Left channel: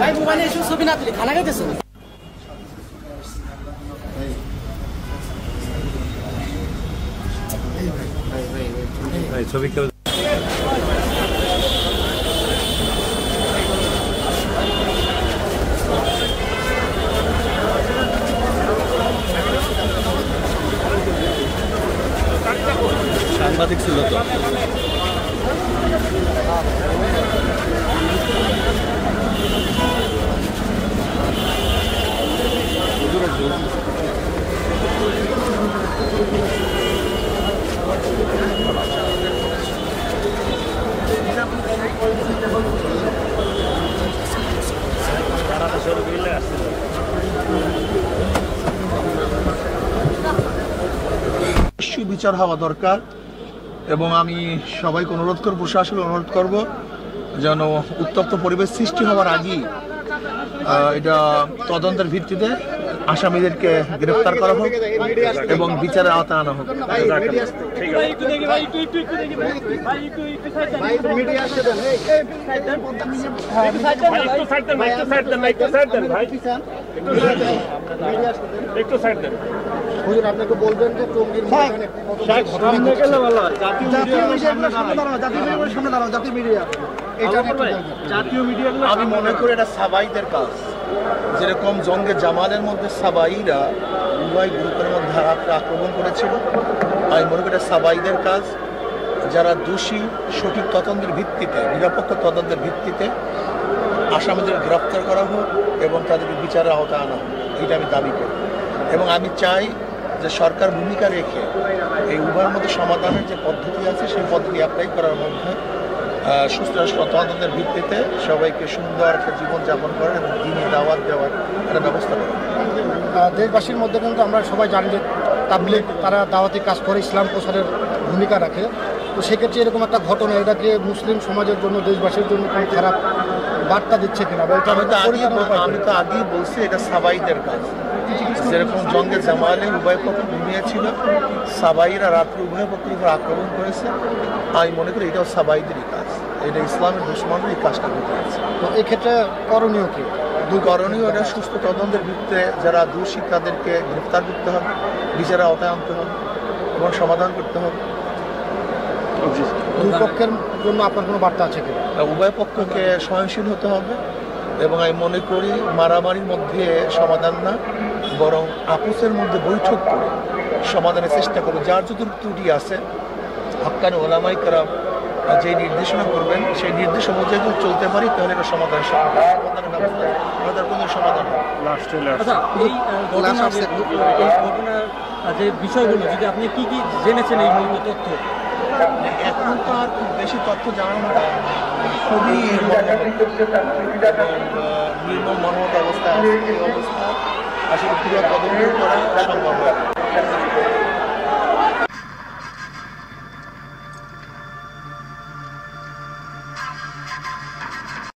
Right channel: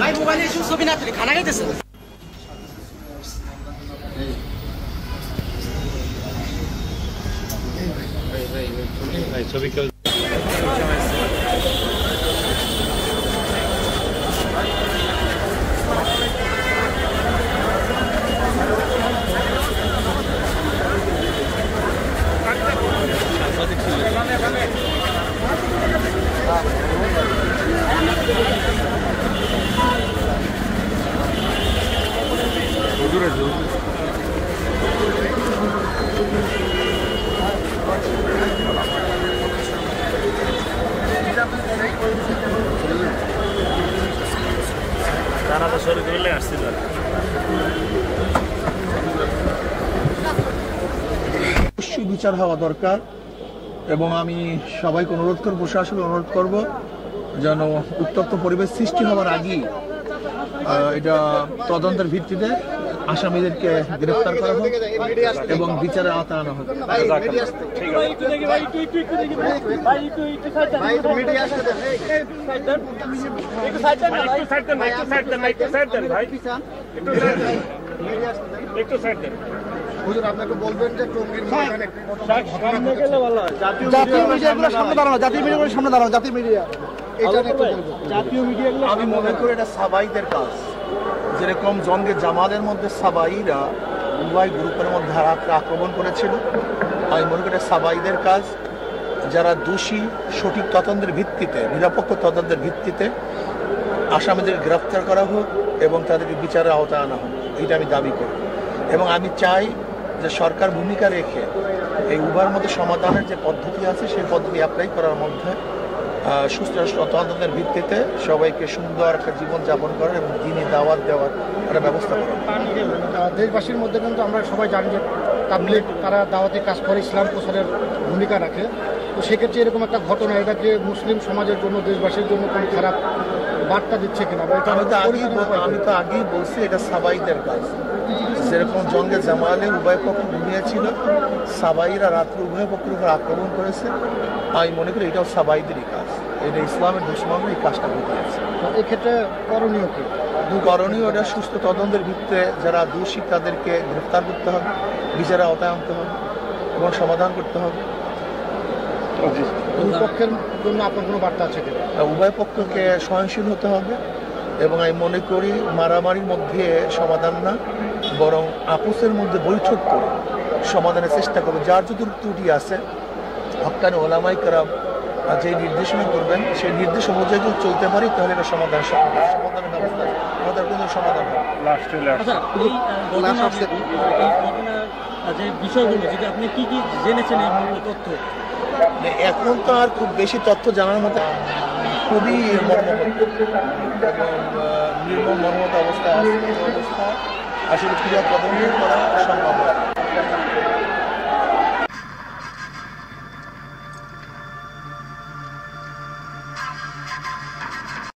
ভাই মোবাইলে ছবি না তুলি খানা খাইতেছে ছবি কেউ সাংবাদিক ছিল তো বিচার হওয়া দরকার এবং আমি সবাইকে অনুরোধ করব, প্রশাসনকে অনুরোধ করব যেন উত্তপ্ত পরিবেশ সৃষ্টি হওয়ার আগেই এটা তদন্তের ভিত্তিতে আসামিদেরকে গ্রেফতার করা হোক এবং বিচারের আওতায় আনা হোক। হুজুর আপনাকে বলবেন যে টঙ্গীর ময়দানে জাতীয় মিডিয়াগুলো সামনে দাঁড়ানো, জাতীয় মিডিয়াগুলো সামনে দাঁড়ানো, জাতীয় মিডিয়া জাতীয় মিডিয়াগুলো আমি মনে করি এটা সাবাইদের কাজ। যেরকম জঙ্গে জামালের মধ্যে সাবাইরা উভয় গ্রুপের মধ্যে আক্রমণ করেছিল, আমি মনে করি এটা সাবাইদের কাজ। যারা দোষী সঠিক তদন্তের ভিত্তিতে, নিরপেক্ষ তদন্তের ভিত্তিতে আসামিদের গ্রেফতার করা হোক এবং তাদেরকে বিচারের আওতায় আনা হোক, এটা আমি দাবি করি। এবং আমি চাই যে সরকার ভূমিকা রেখে এই উভয়ের মধ্যে সমাধানের যে পদ্ধতি আছে সেই পদ্ধতি অ্যাপ্লাই করার মধ্যে সুস্থ তদন্তের ভিত্তিতে সবাইকে সুন্দর একটা জীবনযাপন করার এবং দিনে দাওয়াত দেওয়ার একটা ব্যবস্থা করা। দেশবাসীর মধ্যে কিন্তু আমরা সবাই জানি যে তাবলীগ তারা দাওয়াতি কাজ করে, ইসলাম প্রচারের ভূমিকা রাখে। তো সেক্ষেত্রে এরকম একটা ঘটনা এটাকে মুসলিম সমাজের জন্য, দেশবাসীর জন্য কোনো খারাপ বার্তা দিচ্ছে কিনা? আমি তো আগেই বলছি এটা সাবাইদের কাজ। যেরকম জঙ্গে জামালে উভয় পক্ষ ঘুমিয়েছিল, সাবাইরা রাত্রে উভয় পক্ষের উপর আক্রমণ করেছে, আমি মনে করি এটাও সাবাইদেরই কাজ। এটা ইসলামের দুশ্মনরা এই কাজটা করতে হয়েছে। এক্ষেত্রে করণীয় কি? করণীয় এটা সুস্থ তদন্তের ভিত্তিতে যারা দোষী তাদেরকে গ্রেফতার করতে হবে, বিচারের আওতায় আনতে হবে এবং সমাধান করতে হবে। দুই পক্ষের জন্য আপনার কোনো বার্তা আছে কি? উভয় পক্ষকে সহনশীল হতে হবে এবং আমি মনে করি মারামারির মধ্যে সমাধান না, বরং আপোসের মধ্যে বৈঠক করে সমাধানের চেষ্টা করবে। যার যদি ত্রুটি আছে হক্কানি ওলামায়ে কেরাম যে নির্দেশনা করবেন সেই নির্দেশ অনুযায়ী যদি চলতে পারি তাহলে এটা সমাধানের ব্যবস্থা আমাদের কোনো সমাধান হবে। আচ্ছা, এই ঘটনার যে বিষয়গুলো যদি আপনি কি কি জেনেছেন এই তথ্য? এখন তো আর খুব বেশি তথ্য জানার মতো খুবই নির্মম মর্মত অবস্থা আছে। এই অবস্থা আসলে পুরো তদন্ত করা সম্ভব হয়।